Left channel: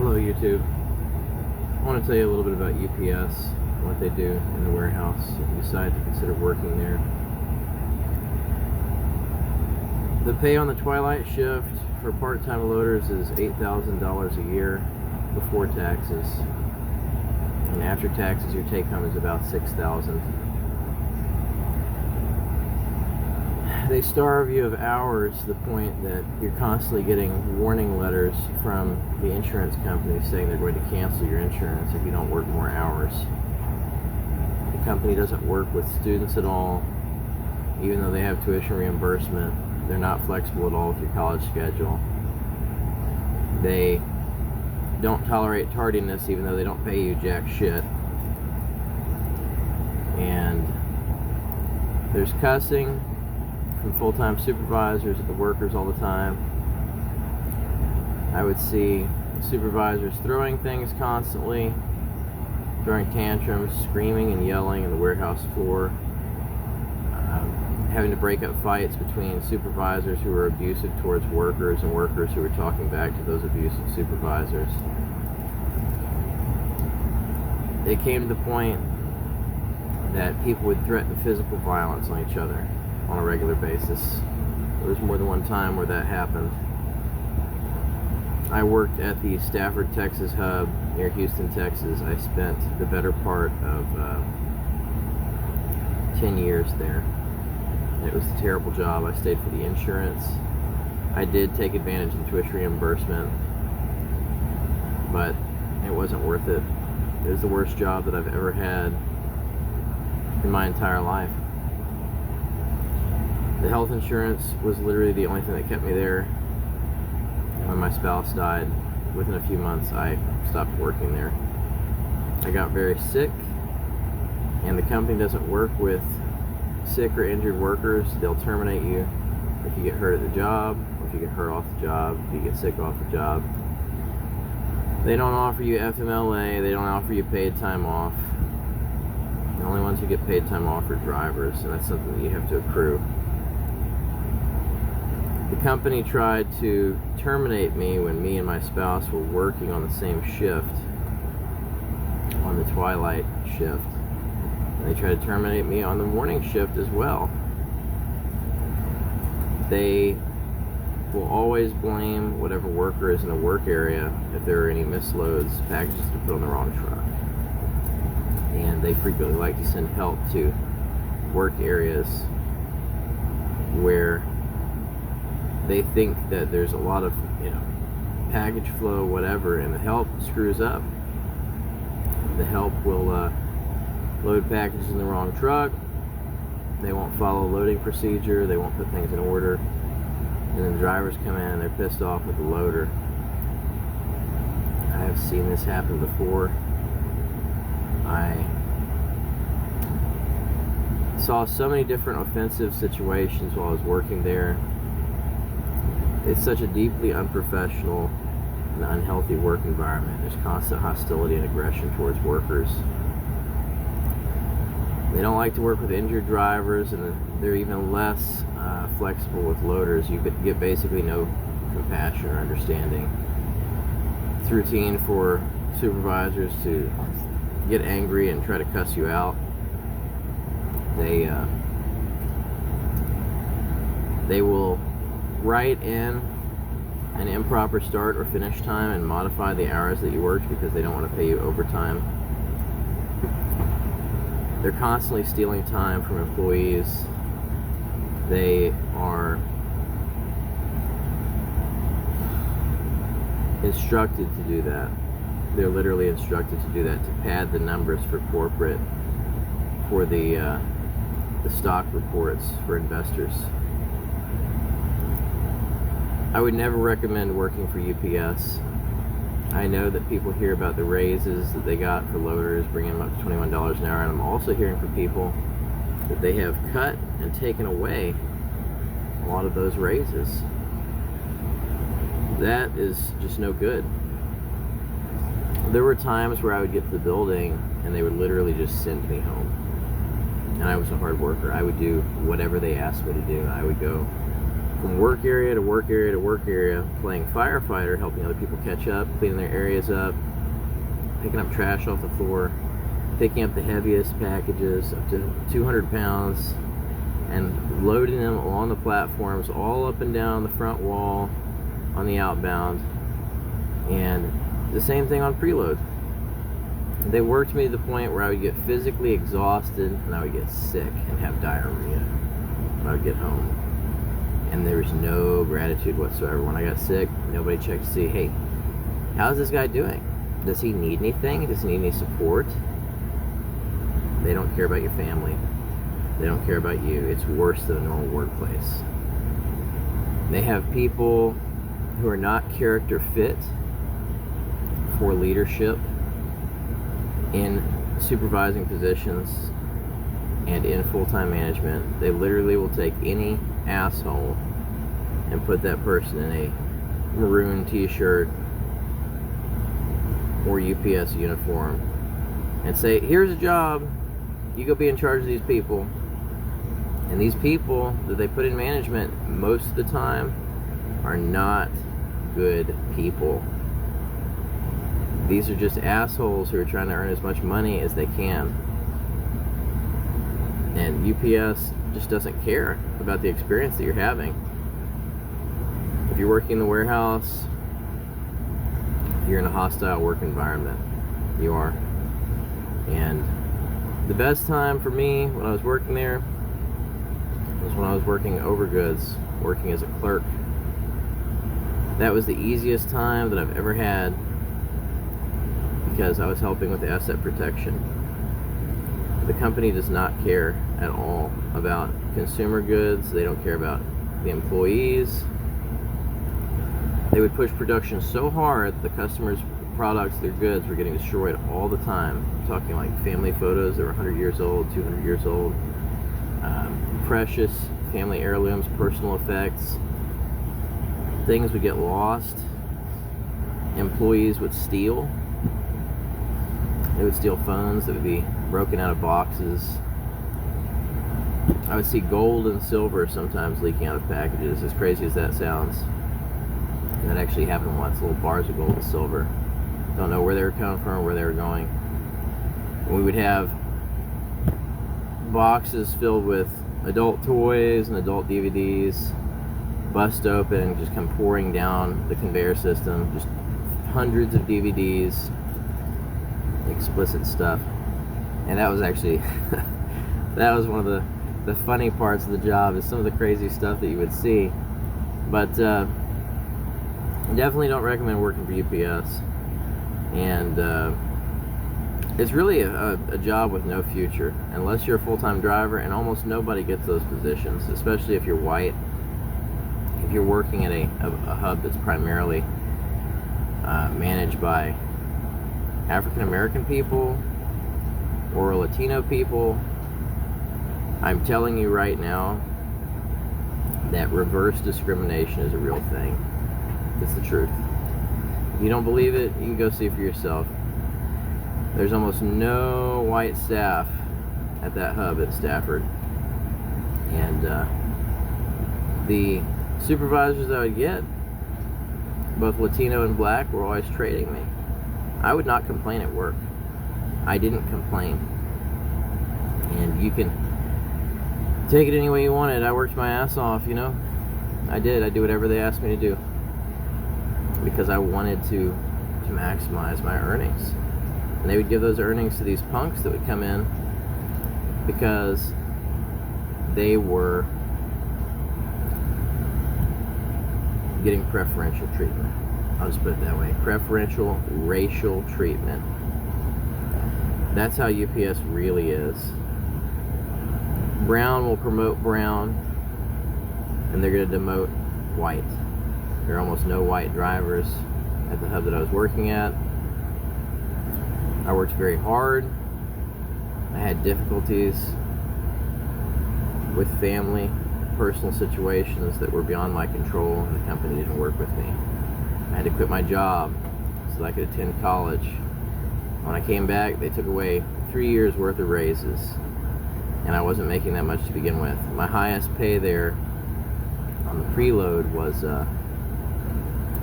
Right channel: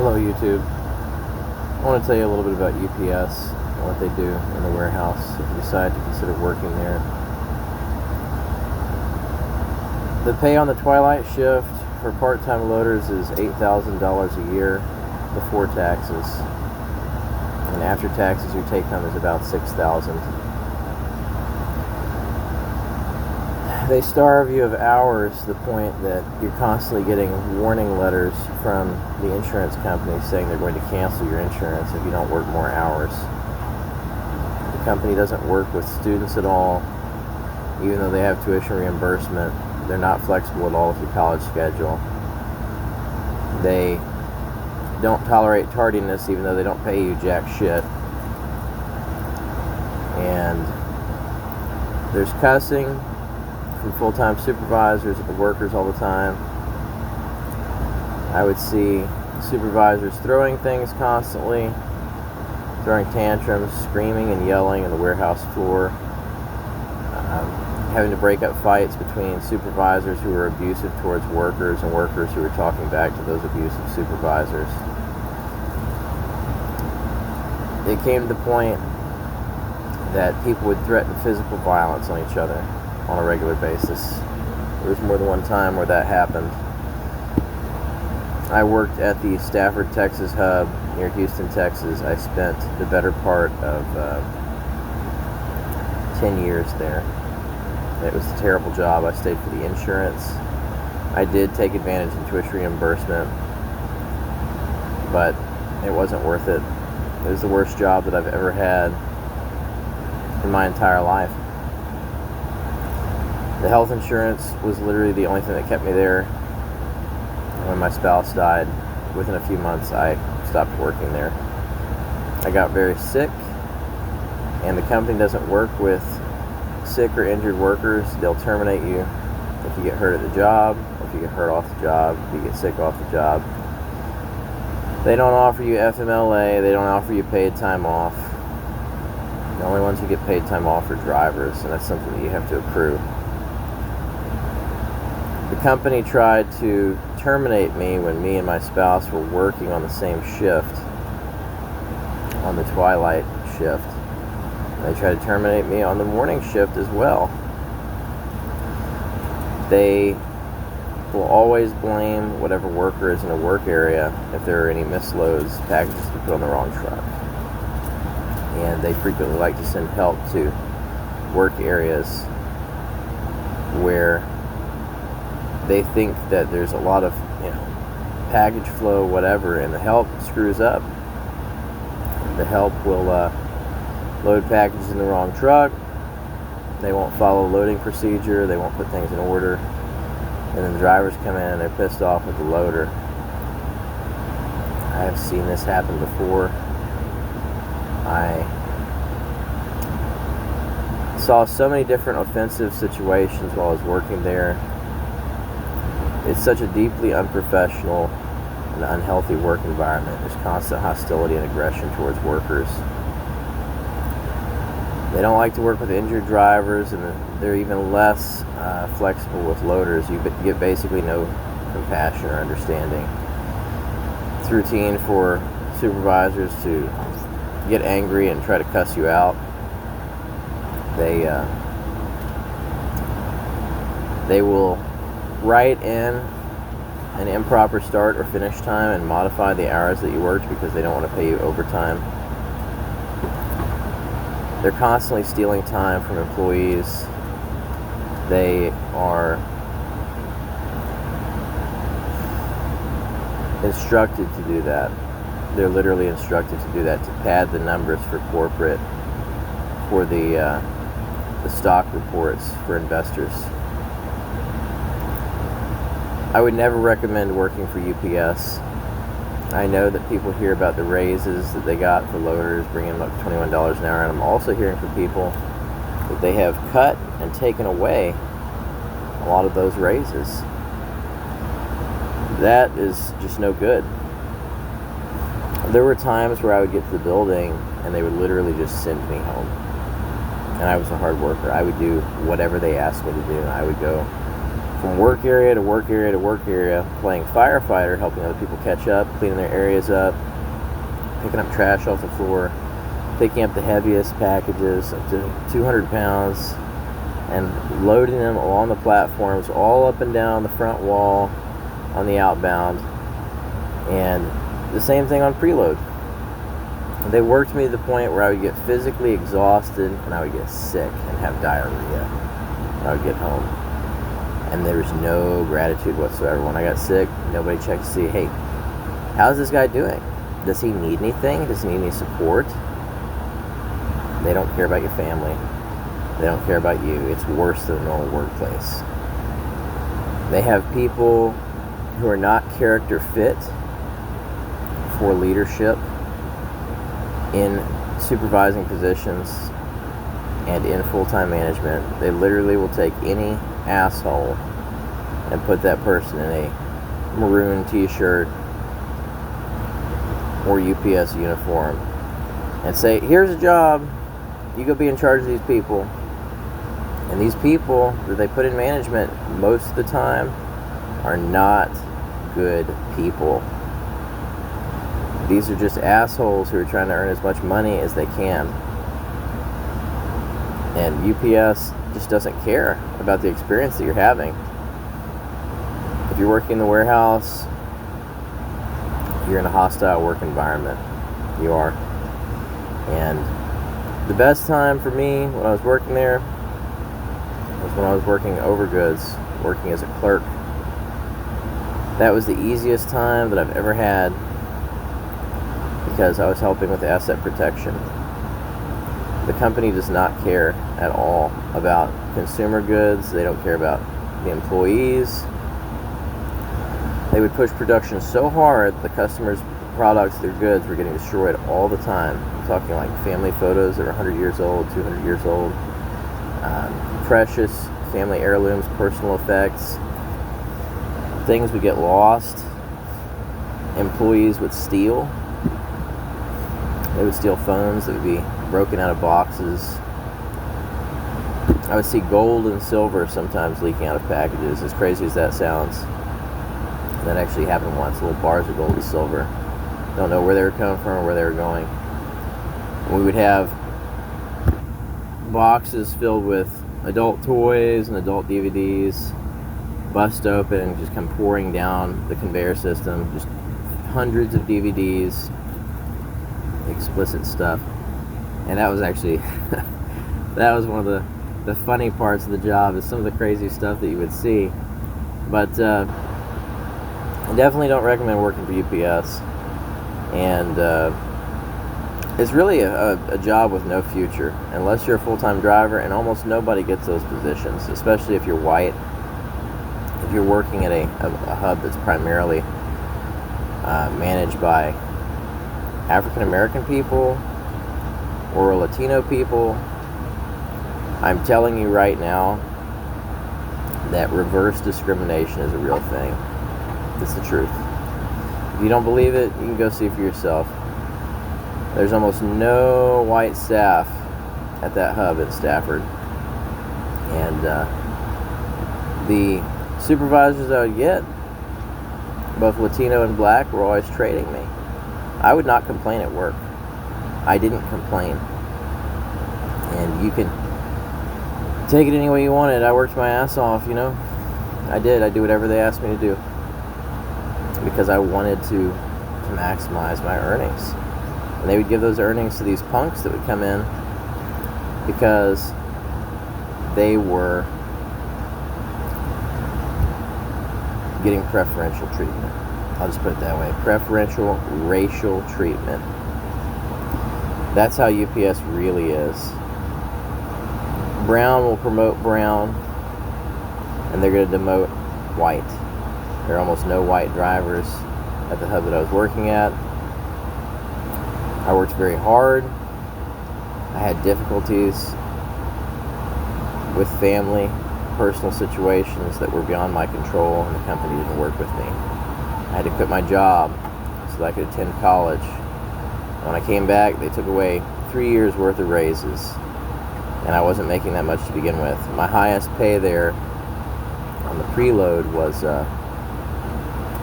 Hello YouTube. I want to tell you a little bit about UPS and what they do in the warehouse if you decide to consider working there. The pay on the twilight shift for part-time loaders is $8,000 a year before taxes, and after taxes your take home is about $6,000. They starve you of hours to the point that you're constantly getting warning letters from the insurance company saying they're going to cancel your insurance if you don't work more hours. The company doesn't work with students at all, even though they have tuition reimbursement. They're not flexible at all with your college schedule. They don't tolerate tardiness, even though they don't pay you jack shit. And there's cussing from full-time supervisors at the workers all the time. I would see supervisors throwing things constantly, throwing tantrums, screaming and yelling on the warehouse floor, having to break up fights between supervisors who were abusive towards workers and workers who were talking back to those abusive supervisors. It came to the point that people would threaten physical violence on each other on a regular basis. There was more than one time where that happened. I worked at the Stafford, Texas hub near Houston, Texas. I spent the better part of 10 years there. It was a terrible job. I stayed for the insurance. I did take advantage of tuition reimbursement, but it wasn't worth it. It was the worst job that I've ever had in my entire life. The health insurance was literally the only thing that kept me there. When my spouse died, within a few months, I stopped working there. I got very sick, and the company doesn't work with sick or injured workers. They'll terminate you if you get hurt at the job, or if you get hurt off the job, if you get sick off the job. They don't offer you FMLA. They don't offer you paid time off. The only ones who get paid time off are drivers, and that's something that you have to accrue. The company tried to terminate me when me and my spouse were working on the same shift, on the twilight shift. They tried to terminate me on the morning shift as well. They will always blame whatever worker is in a work area if there are any misloads, packages that put on the wrong truck. And they frequently like to send help to work areas where they think that there's a lot of, package flow, whatever, and the help screws up. The help will load packages in the wrong truck. They won't follow loading procedure. They won't put things in order. And then the drivers come in and they're pissed off with the loader. I have seen this happen before. I saw so many different offensive situations while I was working there. It's such a deeply unprofessional and unhealthy work environment. There's constant hostility and aggression towards workers. They don't like to work with injured drivers, and they're even less flexible with loaders. You get basically no compassion or understanding. It's routine for supervisors to get angry and try to cuss you out. They will write in an improper start or finish time and modify the hours that you worked because they don't want to pay you overtime. They're constantly stealing time from employees. They are instructed to do that. They're literally instructed to do that, to pad the numbers for corporate, for the stock reports for investors. I would never recommend working for UPS. I know that people hear about the raises that they got for loaders, bringing them up to $21 an hour, and I'm also hearing from people that they have cut and taken away a lot of those raises. That is just no good. There were times where I would get to the building and they would literally just send me home. And I was a hard worker. I would do whatever they asked me to do, and I would go from work area to work area to work area, playing firefighter, helping other people catch up, cleaning their areas up, picking up trash off the floor, picking up the heaviest packages up to 200 pounds, and loading them on the platforms all up and down the front wall on the outbound. And the same thing on preload. They worked me to the point where I would get physically exhausted and I would get sick and have diarrhea when I would get home. And there was no gratitude whatsoever. When I got sick, nobody checked to see, hey, how's this guy doing? Does he need anything? Does he need any support? They don't care about your family. They don't care about you. It's worse than a normal workplace. They have people who are not character fit for leadership in supervising positions and in full-time management. They literally will take any asshole and put that person in a maroon t-shirt or UPS uniform and say, here's a job, you go be in charge of these people. And these people that they put in management most of the time are not good people. These are just assholes who are trying to earn as much money as they can. And UPS just doesn't care about the experience that you're having. If you're working in the warehouse, you're in a hostile work environment. You are. And the best time for me when I was working there was when I was working over goods, working as a clerk. That was the easiest time that I've ever had because I was helping with asset protection. The company does not care at all about consumer goods. They don't care about the employees. They would push production so hard the customers' products, their goods, were getting destroyed all the time. I'm talking like family photos that are 100 years old, 200 years old, precious family heirlooms, personal effects. Things would get lost. Employees would steal. They would steal phones that would be broken out of boxes. I would see gold and silver sometimes leaking out of packages, as crazy as that sounds. And that actually happened once, little bars of gold and silver. Don't know where they were coming from or where they were going. We would have boxes filled with adult toys and adult DVDs, bust open and just come pouring down the conveyor system. Just hundreds of DVDs, explicit stuff. And that was actually, that was one of the funny parts of the job, is some of the crazy stuff that you would see. But I definitely don't recommend working for UPS. And it's really a job with no future, unless you're a full-time driver, and almost nobody gets those positions, especially if you're white. If you're working at a hub that's primarily managed by African American people or Latino people, I'm telling you right now that reverse discrimination is a real thing. It's the truth. If you don't believe it, you can go see for yourself. There's almost no white staff at that hub at Stafford. And the supervisors that I would get, both Latino and black, were always trading me. I would not complain at work. I didn't complain. And you can take it any way you want it. I worked my ass off, you know. I did whatever they asked me to do, because I wanted to maximize my earnings. And they would give those earnings to these punks that would come in because they were getting preferential treatment. I'll just put it that way. Preferential racial treatment. That's how UPS really is. Brown will promote brown, and they're going to demote white. There are almost no white drivers at the hub that I was working at. I worked very hard. I had difficulties with family, personal situations that were beyond my control, and the company didn't work with me. I had to quit my job so that I could attend college. When I came back, they took away 3 years worth of raises, and I wasn't making that much to begin with. My highest pay there on the preload was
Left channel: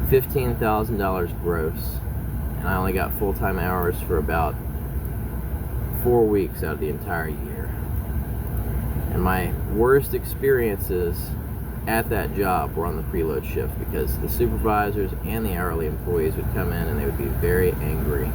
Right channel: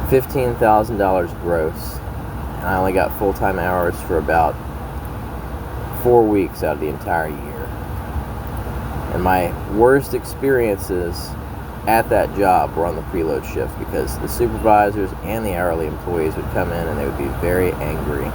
$15,000 gross. And I only got full-time hours for about 4 weeks out of the entire year. And my worst experiences at that job were on the preload shift, because the supervisors and the hourly employees would come in and they would be very angry